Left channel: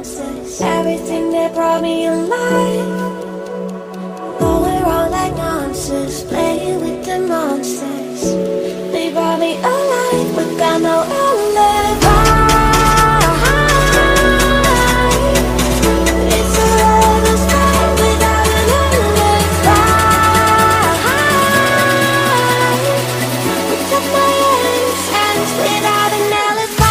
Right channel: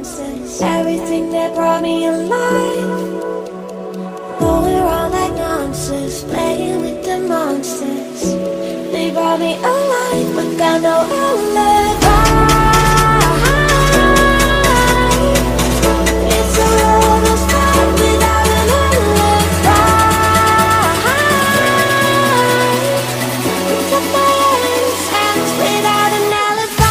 monsters, everything that brought me alive. Though we're all like monsters, playing with the monsters. They brought me alive, but got no alibi. It's a lover's fight without an alibi. Took my hands without an alibi.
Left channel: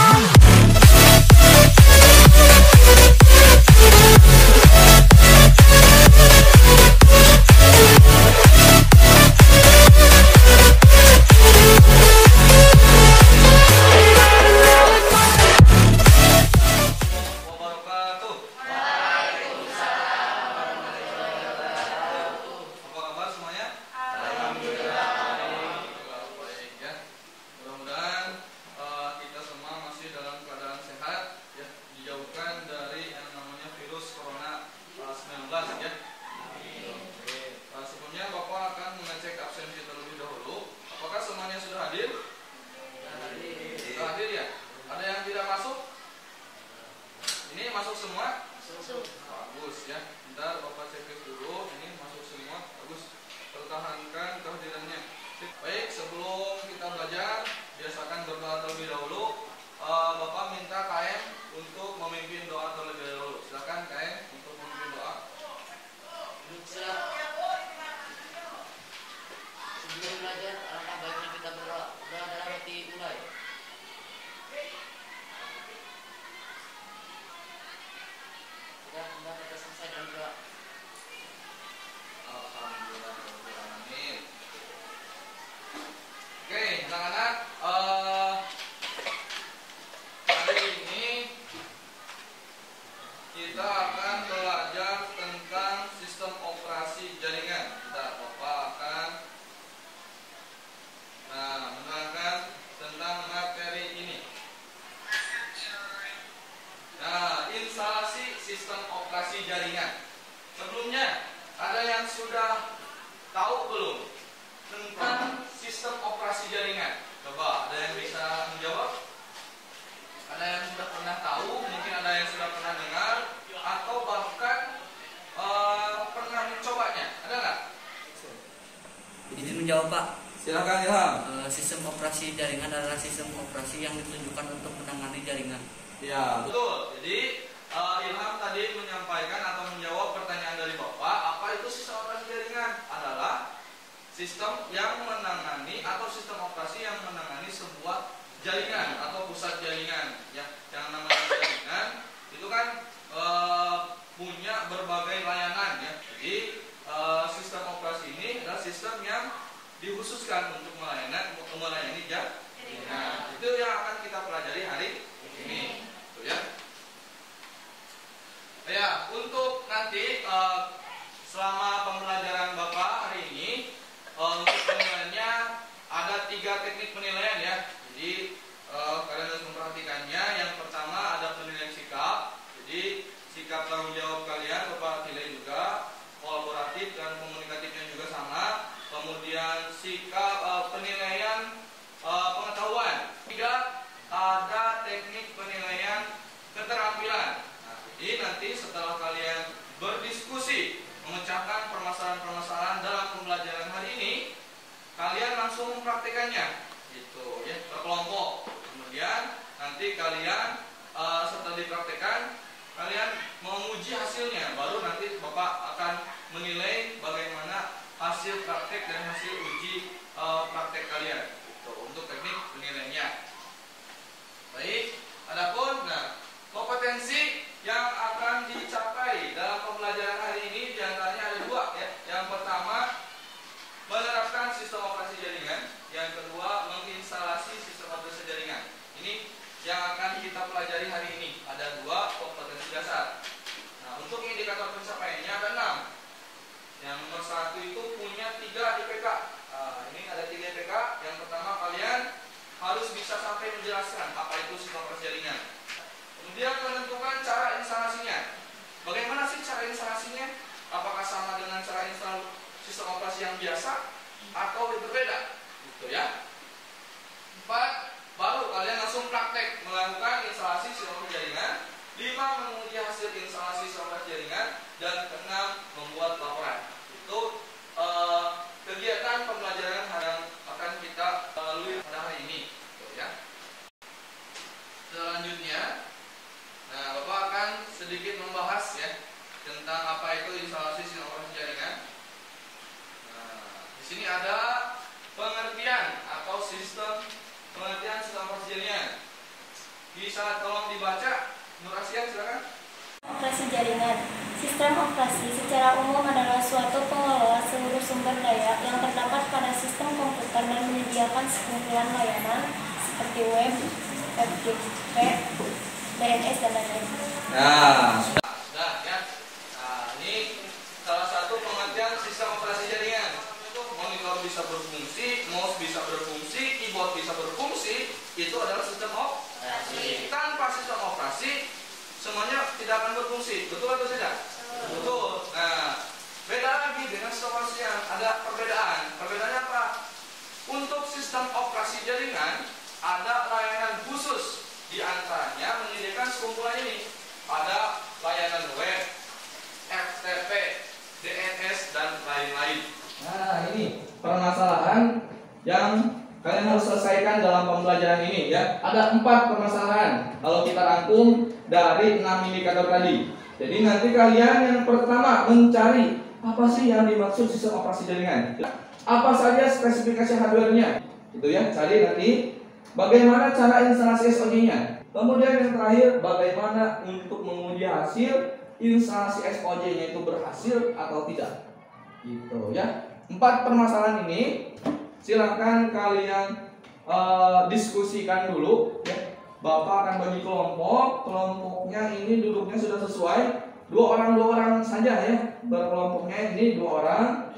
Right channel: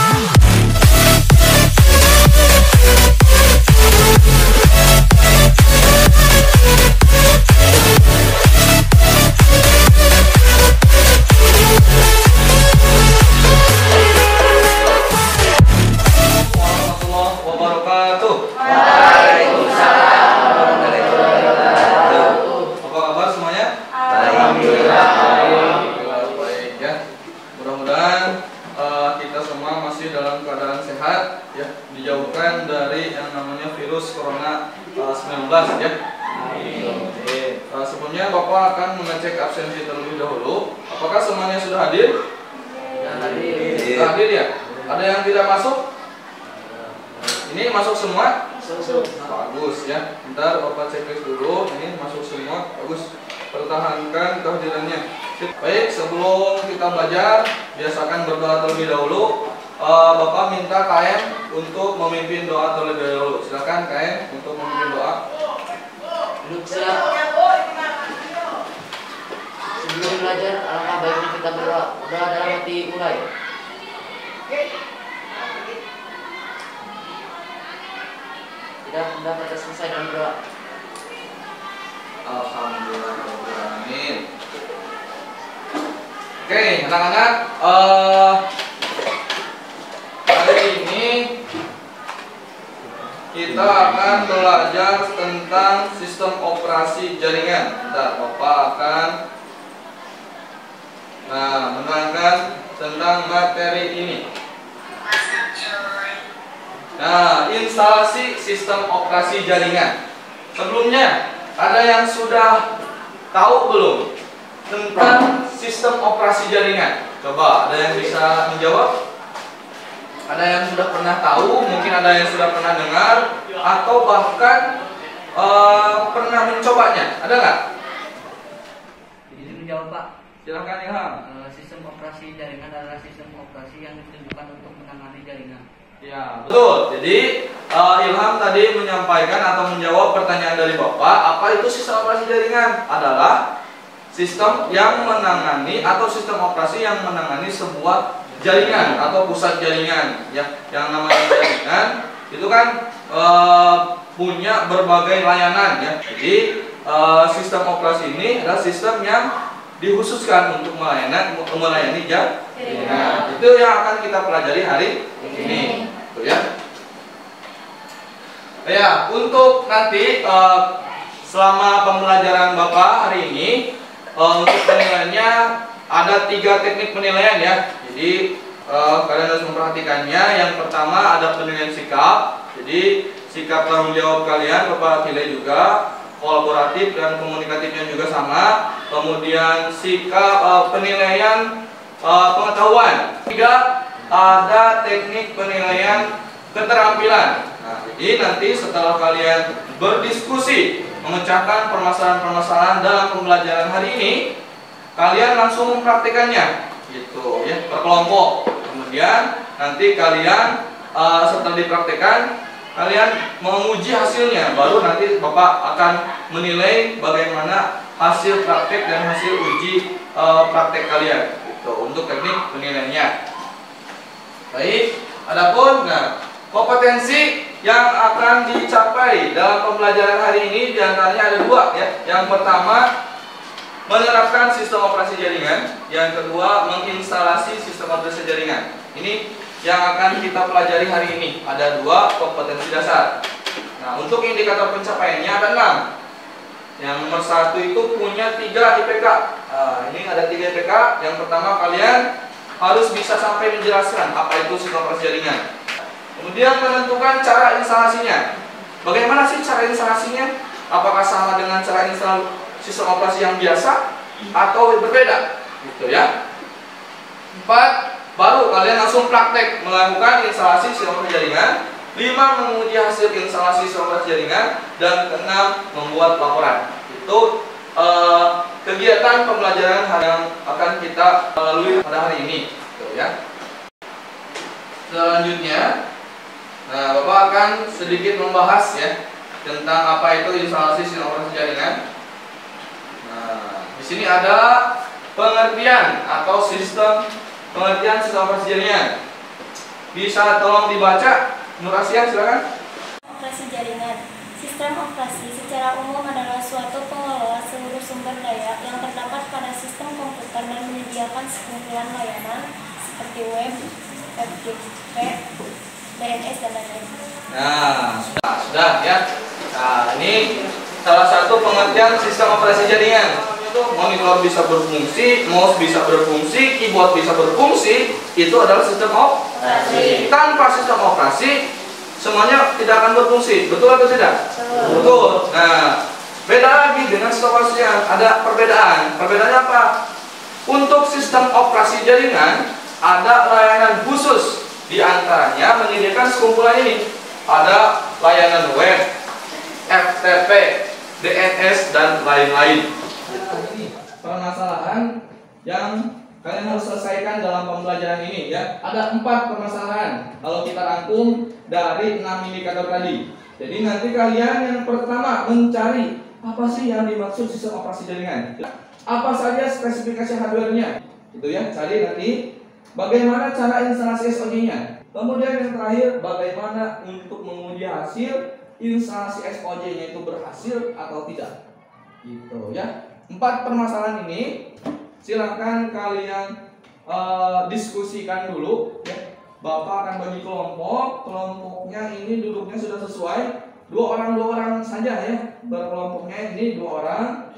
Dijauhkan dari yang namanya virus corona 19 ya. Sebelumnya Bapak akan mengecek absensi terlebih dahulu. Apakah semuanya sudah hadir? Hadir. Hadir ya. Ada yang tidak masuk? Ini masuk semua? Bagus ya. Bentar Bapak checklist dulu. Ini masuk semua. Bagus. Pertahankan kehadirannya. Baik, sebelum kita belajar, biasakan berdoa terlebih dahulu. Bapak minta KM untuk memimpin doa terlebih dahulu. Silakan KM untuk memimpin doa. Duduk siap. Sebelum belajar, alangkah baiknya kita berdoa. Doa dalam hati mulai. Tidak dapat selesai dan berdoa. Alhamdulillahirobbilalamin. Oke, anak-anak. Hari ini kita akan belajar tentang sistem operasi jaringan. Bentar, Bapak akan menerangkan tentang materi ini. Nah, instalasi sistem operasi jaringan. Sebelumnya, ada yang sudah tahu belum tentang sistem operasi jaringan? Coba, ada yang bisa menjawab? Ada yang sudah pernah tahu, mungkin ada yang sudah pernah dengar, atau bahkan pernah mencobanya. Ada nggak? Izin menjawab, Pak. Silakan Ilham. Sistem operasi jaringan adalah sistem operasi yang ditunjukkan untuk menangani jaringan. Ya, betul. Jadi Ilham tadi menyampaikan atau menjawab pertanyaan dari Bapak, apa itu sistem operasi jaringan? Adalah sistem yang menangani atau sistem operasi yang menangani sebuah jaringan atau pusat jaringan ya. Yang namanya jaringan itu kan punya berbagai layanan ya. Jadi sistem operasi ini adalah sistem yang dikhususkan untuk melayani jaringan. Itu yang akan kita pelajari hari ini. Tuh ya. Ya, untuk nanti selama pembelajaran Bapak hari ini untuk penilaiannya ada 3 teknik penilaian ya. Jadi kalian harus memperhatikannya. Yang pertama ada penilaian sikap. Jadi sikap tanggung jawab kalian Bapak nilai juga, kolaboratif dan komunikatifnya juga sama. Kemudian sikap penilaian pengetahuan. 3 ada teknik penilaian keterampilan. Nah, jadi nanti setelah kalian berdiskusi memecahkan permasalahan-permasalahan dalam pembelajaran hari ini, kalian langsung mempraktikannya gitu ya, berkelompok. Kemudian nanti kalian setelah dipraktikkan, kalian menguji hasilnya, baru nanti Bapak akan menilai bagaimana hasil praktek dan hasil uji praktek kalian gitu, untuk teknik penilaiannya. Baik, adapun kompetensi yang akan dicapai dalam pembelajaran hari ini diantaranya ada 2 ya. Yang pertama, menerapkan sistem operasi jaringan. Yang kedua, menginstalasi sistem operasi jaringan. Ini yang akan kita pelajari hari ini. Ada 2 kompetensi dasar. Nah, untuk indikator pencapaiannya ada 6. Yang nomor 1 itu punya 3 IPK. Ini ada 3 IPK. Yang pertama, kalian harus bisa sampai menjelaskan apa itu sistem operasi jaringan. Kemudian menentukan cara instalasinya. Bagaimana sih cara instalasinya? Apakah sama dengan cara install sistem operasi yang biasa atau berbeda? Gitu ya. 4, baru kalian langsung praktek melakukan instalasi sistem operasi jaringan. 5. Menguji hasil instalasi sistem operasi jaringan, dan 6. Membuat laporan. Itu kegiatan pembelajaran yang akan kita lalui pada hari ini, gitu ya. Selanjutnya, nah Bapak akan sedikit membahas ya tentang apa itu instalasi sistem operasi jaringan. Nah, di sini ada pengertian atau pengertian sistem operasi jaringan. Bisa tolong dibaca, Nur Asia, silakan. Operasi jaringan. Sistem operasi secara umum adalah suatu pengelola seluruh sumber daya yang terdapat pada sistem komputer dan menyediakan sekumpulan layanan seperti web, FTP, DNS, dan lain-lain. Nah, sudah ya. Nah, ini salah satu pengertian sistem operasi jaringan. Itu monitor bisa berfungsi, mouse bisa berfungsi, keyboard bisa berfungsi, itu adalah sistem operasi. Tanpa sistem operasi semuanya tidak akan berfungsi, betul atau tidak? Betul. Nah, beda lagi dengan sistem operasi jaringan, ada perbedaan. Perbedaannya apa? Untuk sistem operasi jaringan ada layanan khusus, di antaranya menyediakan sekumpulan ini. Ada layanan web, FTP, DNS, dan lain-lain. Nah, ini permasalahan yang kalian harus selesaikan dalam pembelajaran ini ya. Ada 4 permasalahan kalau kita rangkum dari 6 indikator tadi. Jadi nanti kalian yang pertama mencari apa sih yang dimaksud sistem operasi jaringan. Apa saja spesifikasi hardware-nya. Itu ya, cari nanti bagaimana cara instalasi SOC-nya. Kemudian yang terakhir, bagaimana untuk menguji hasil instalasi SOC-nya itu berhasil atau tidak. Gitu ya. 4 permasalahan ini silahkan kalian diskusikan dulu ya. Bapak akan bagi kelompok. Kelompoknya ini duduknya sudah sesuai, 2 orang saja ya. Berkelompoknya ini 2 orang,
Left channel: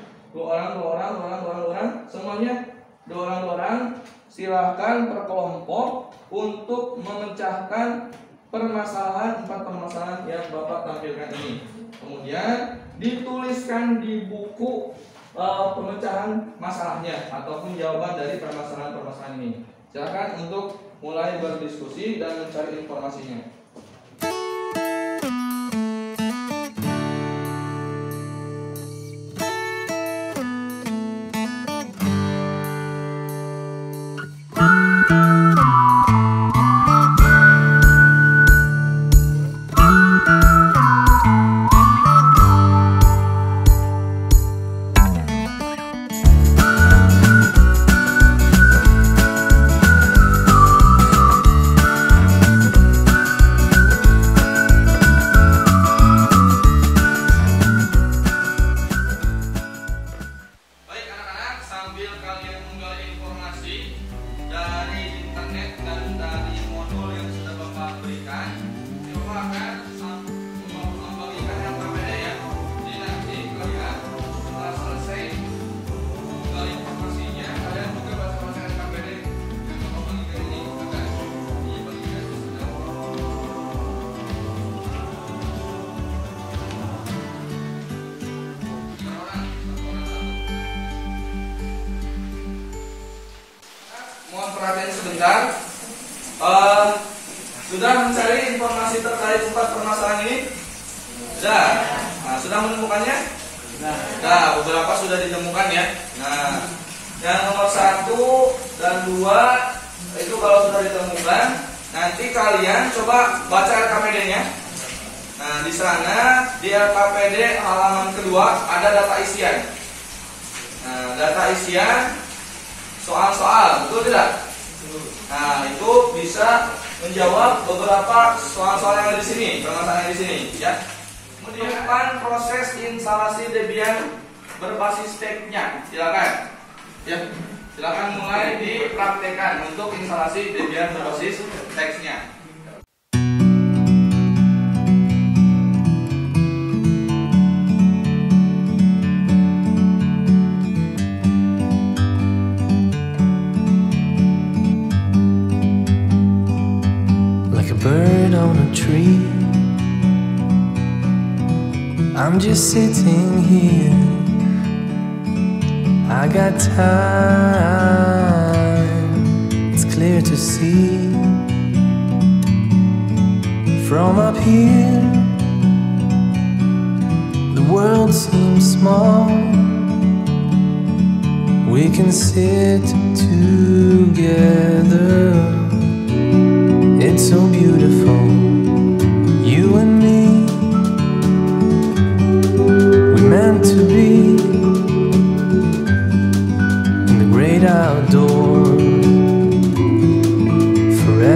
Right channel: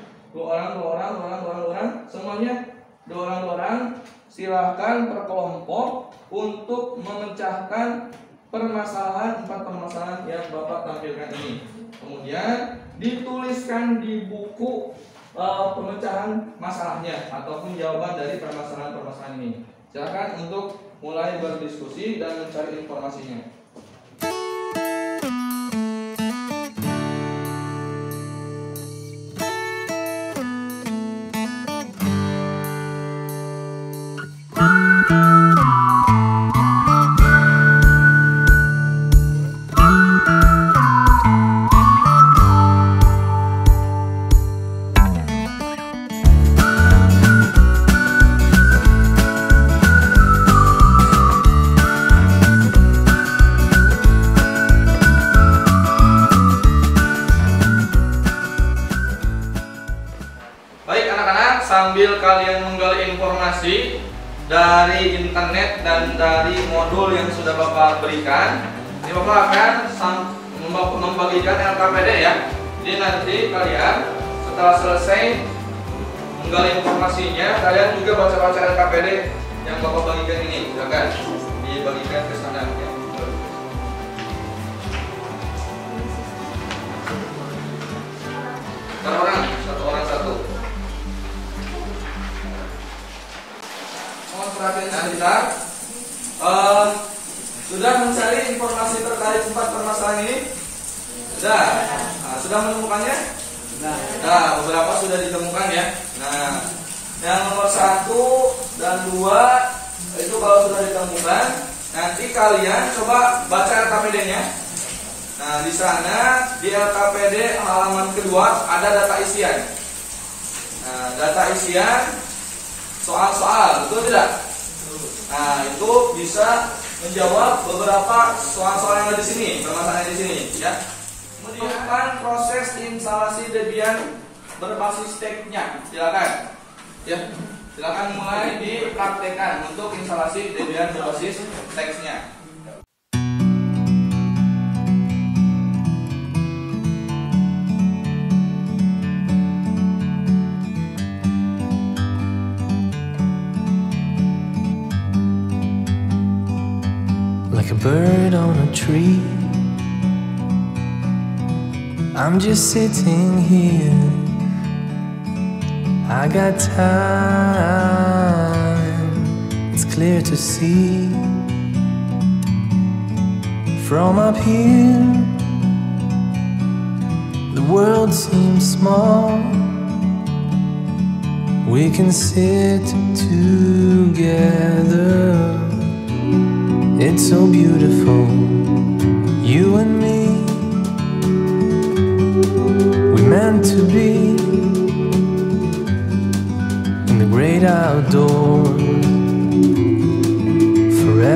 semuanya 2 orang. Silahkan per kelompok untuk memecahkan permasalahan 4 permasalahan yang Bapak tampilkan ini. Kemudian dituliskan di buku pemecahan masalahnya ataupun jawaban dari permasalahan-permasalahan ini. Silakan untuk mulai berdiskusi dan mencari informasinya. Sambil kalian menggali informasi dari internet dan dari modul yang sudah Bapak berikan, ini Bapak akan membagikan LKPD ya. Jadi nanti kalian setelah selesai menggali informasinya, kalian juga baca-baca LKPD yang Bapak bagikan ini, akan dibagikan ke sana. Satu orang satu. Mohon perhatian sebentar. Sudah mencari informasi terkait 4 permasalahan ini? Sudah. Nah, sudah menemukannya? Nah, beberapa sudah ditemukan ya. Nah, yang nomor 1 dan 2 itu kalau sudah ditemukan, nanti kalian coba baca LKPD-nya. Nah, di sana di LKPD halaman kedua ada data isian. Nah, data isian soal-soal, betul tidak? Nah, itu bisa menjawab beberapa soal-soal yang ada di sini, permasalahan di sini, ya. Kemudian proses instalasi Debian berbasis tag-nya, silakan. Ya, silakan mulai dipraktekkan untuk instalasi Debian berbasis tag-nya. Bird on a tree, I'm just sitting here. I got time, it's clear to see. From up here, the world seems small. We can sit together. It's so beautiful, you and me. We meant to be in the great outdoors forever.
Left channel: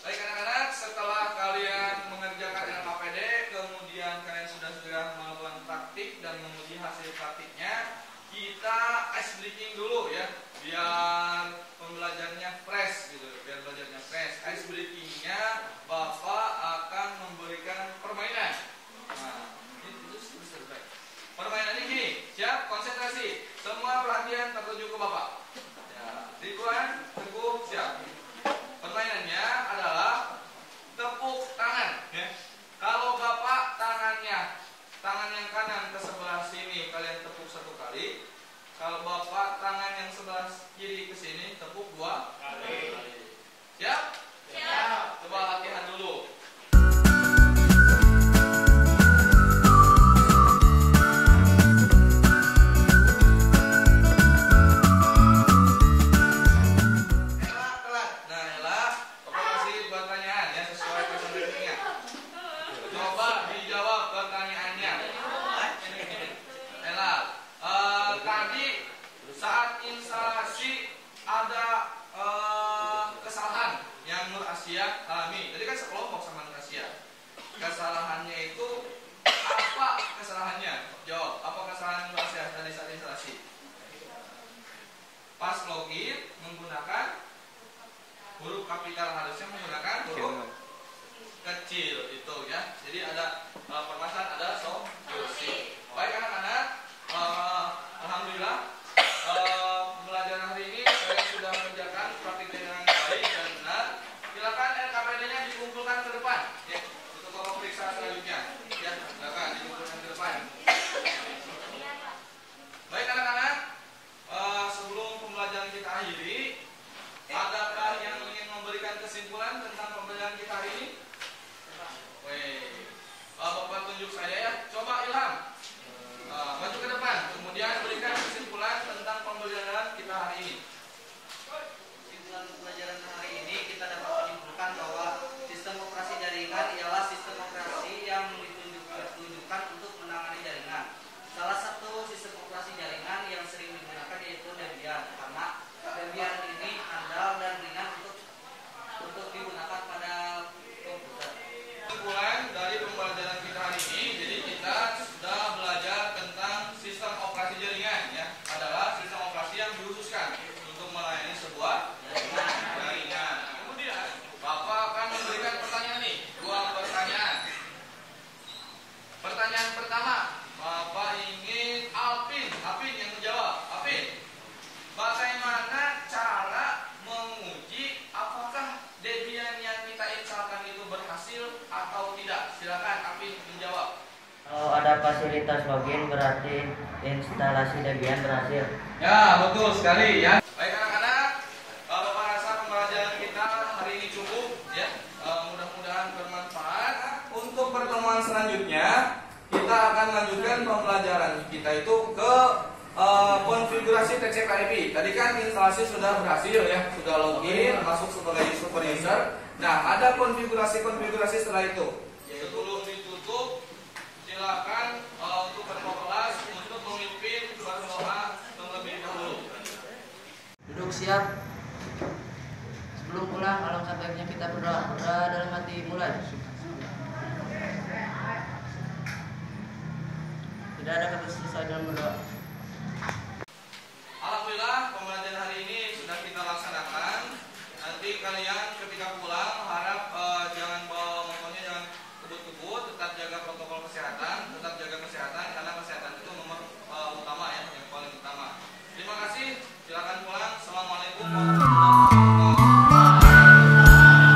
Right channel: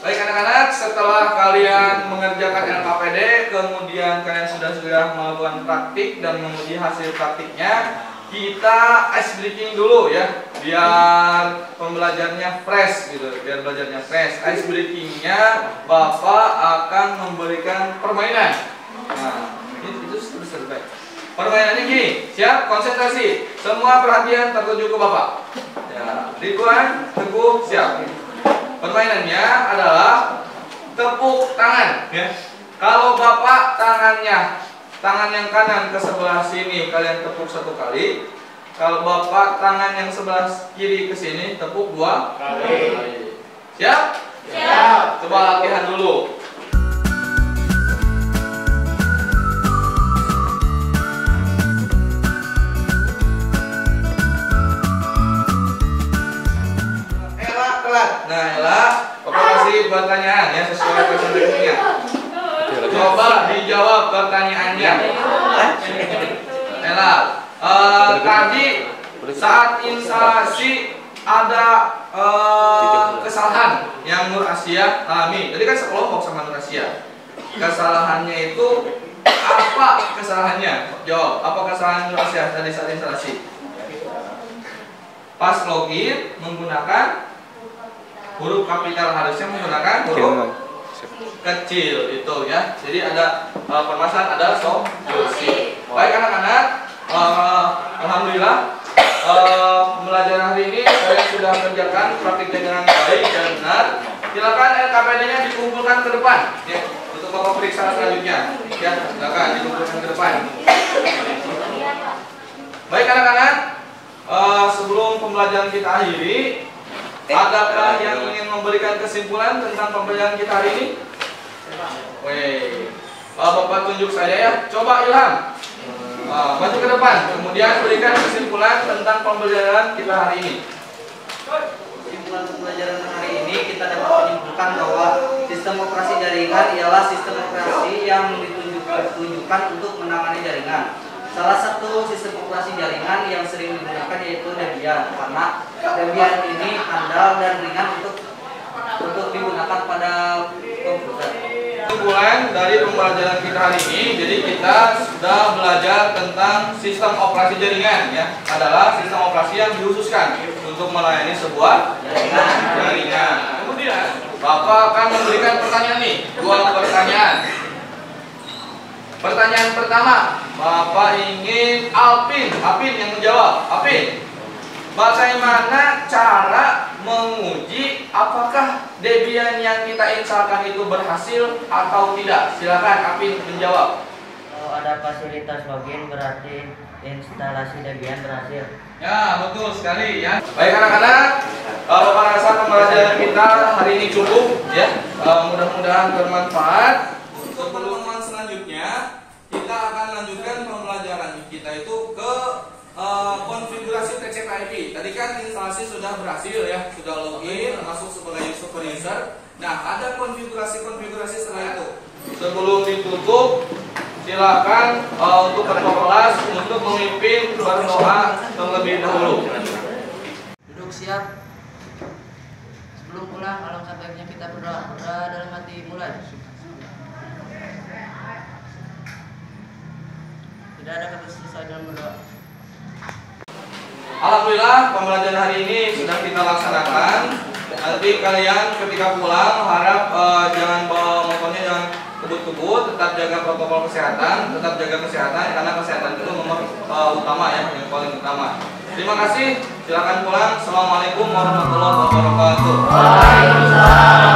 Baik anak-anak, setelah kalian mengerjakan LKPD, kemudian kalian sudah melakukan praktik dan menguji hasil praktiknya, kita ice breaking dulu ya, biar pembelajarannya fresh gitu, biar belajarnya fresh. Ice breakingnya Bapak akan memberikan permainan. Nah, itu selesai. Permainannya gini, siap, konsentrasi, semua perhatian tertuju ke Bapak. Ya, Ridwan, Teguh, siap. Permainannya adalah tepuk tangan. Ya. Kalau Bapak tangan yang kanan ke sebelah sini kalian tepuk 1 kali. Kalau Bapak tangan yang sebelah kiri ke sini tepuk 2 kali. Siap? Siap. Coba latihan dulu. Ella kelat. Nah, Ella, Bapak kasih pertanyaan ya sesuai presentasinya. Coba dijawab pertanyaannya. Ella, tadi saat instalasi ada kesalahan yang Nur Asia alami. Tadi kan sekelompok sama Nur Asia. Kesalahannya itu apa kesalahannya? Jawab. Apa kesalahan Nur Asia tadi saat instalasi? Pas login menggunakan huruf kapital, harusnya menggunakan huruf kecil itu ya. Jadi ada permasalahan, ada solusi. Baik anak-anak, alhamdulillah pembelajaran hari ini kalian sudah kerjakan praktiknya dengan baik dan benar. Silakan LKPD-nya dikumpulkan ke depan ya, untuk Bapak periksa selanjutnya. Ya, silakan dikumpulkan ke depan. Baik anak-anak, sebelum pembelajaran kita akhiri, adakah yang ingin memberikan kesimpulan tentang pembelajaran kita hari ini? Weh, Bapak tunjuk saya ya. Coba Ilham, maju ke depan, kemudian berikan kesimpulan tentang pembelajaran kita hari ini. Kesimpulan pembelajaran hari ini kita dapat menyimpulkan bahwa sistem operasi jaringan ialah sistem operasi yang ditunjukkan untuk menangani jaringan. Salah satu sistem operasi jaringan yang sering digunakan yaitu Debian, karena Debian ini andal dan ringan untuk digunakan pada komputer. Kesimpulan dari pembelajaran kita hari ini, jadi kita sudah belajar tentang sistem operasi jaringan ya, adalah sistem operasi yang dikhususkan untuk melayani sebuah jaringan. Kemudian Bapak akan memberikan pertanyaan nih, 2 pertanyaan. Pertanyaan pertama, Bapak ingin Apin yang menjawab. Apin, bagaimana cara menguji apakah Debian yang kita instalkan itu berhasil atau tidak? Silakan Apin menjawab. Kalau ada fasilitas login berarti instalasi Debian berhasil. Ya, betul sekali ya. Baik anak-anak, Bapak rasa pembelajaran kita hari ini cukup ya. Mudah-mudahan bermanfaat. Untuk pertemuan selanjutnya kita akan lanjutkan pembelajaran kita itu ke konfigurasi TCP/IP. Tadi kan instalasi sudah berhasil ya, sudah login, masuk sebagai super user. Nah, ada konfigurasi setelah itu. Sebelum ditutup, silakan untuk ketua kelas untuk memimpin berdoa terlebih dahulu. Duduk siap. Sebelum pulang, alangkah baiknya kita berdoa dalam hati. Mulai. Tidak ada kata selesai dalam berdoa. Alhamdulillah pembelajaran hari ini sudah kita laksanakan. Nanti kalian ketika pulang harap jangan bawa motornya, jangan kebut-kebut, tetap jaga protokol kesehatan, karena kesehatan itu nomor utama ya, yang paling utama. Terima kasih, silakan pulang. Assalamualaikum warahmatullahi wabarakatuh.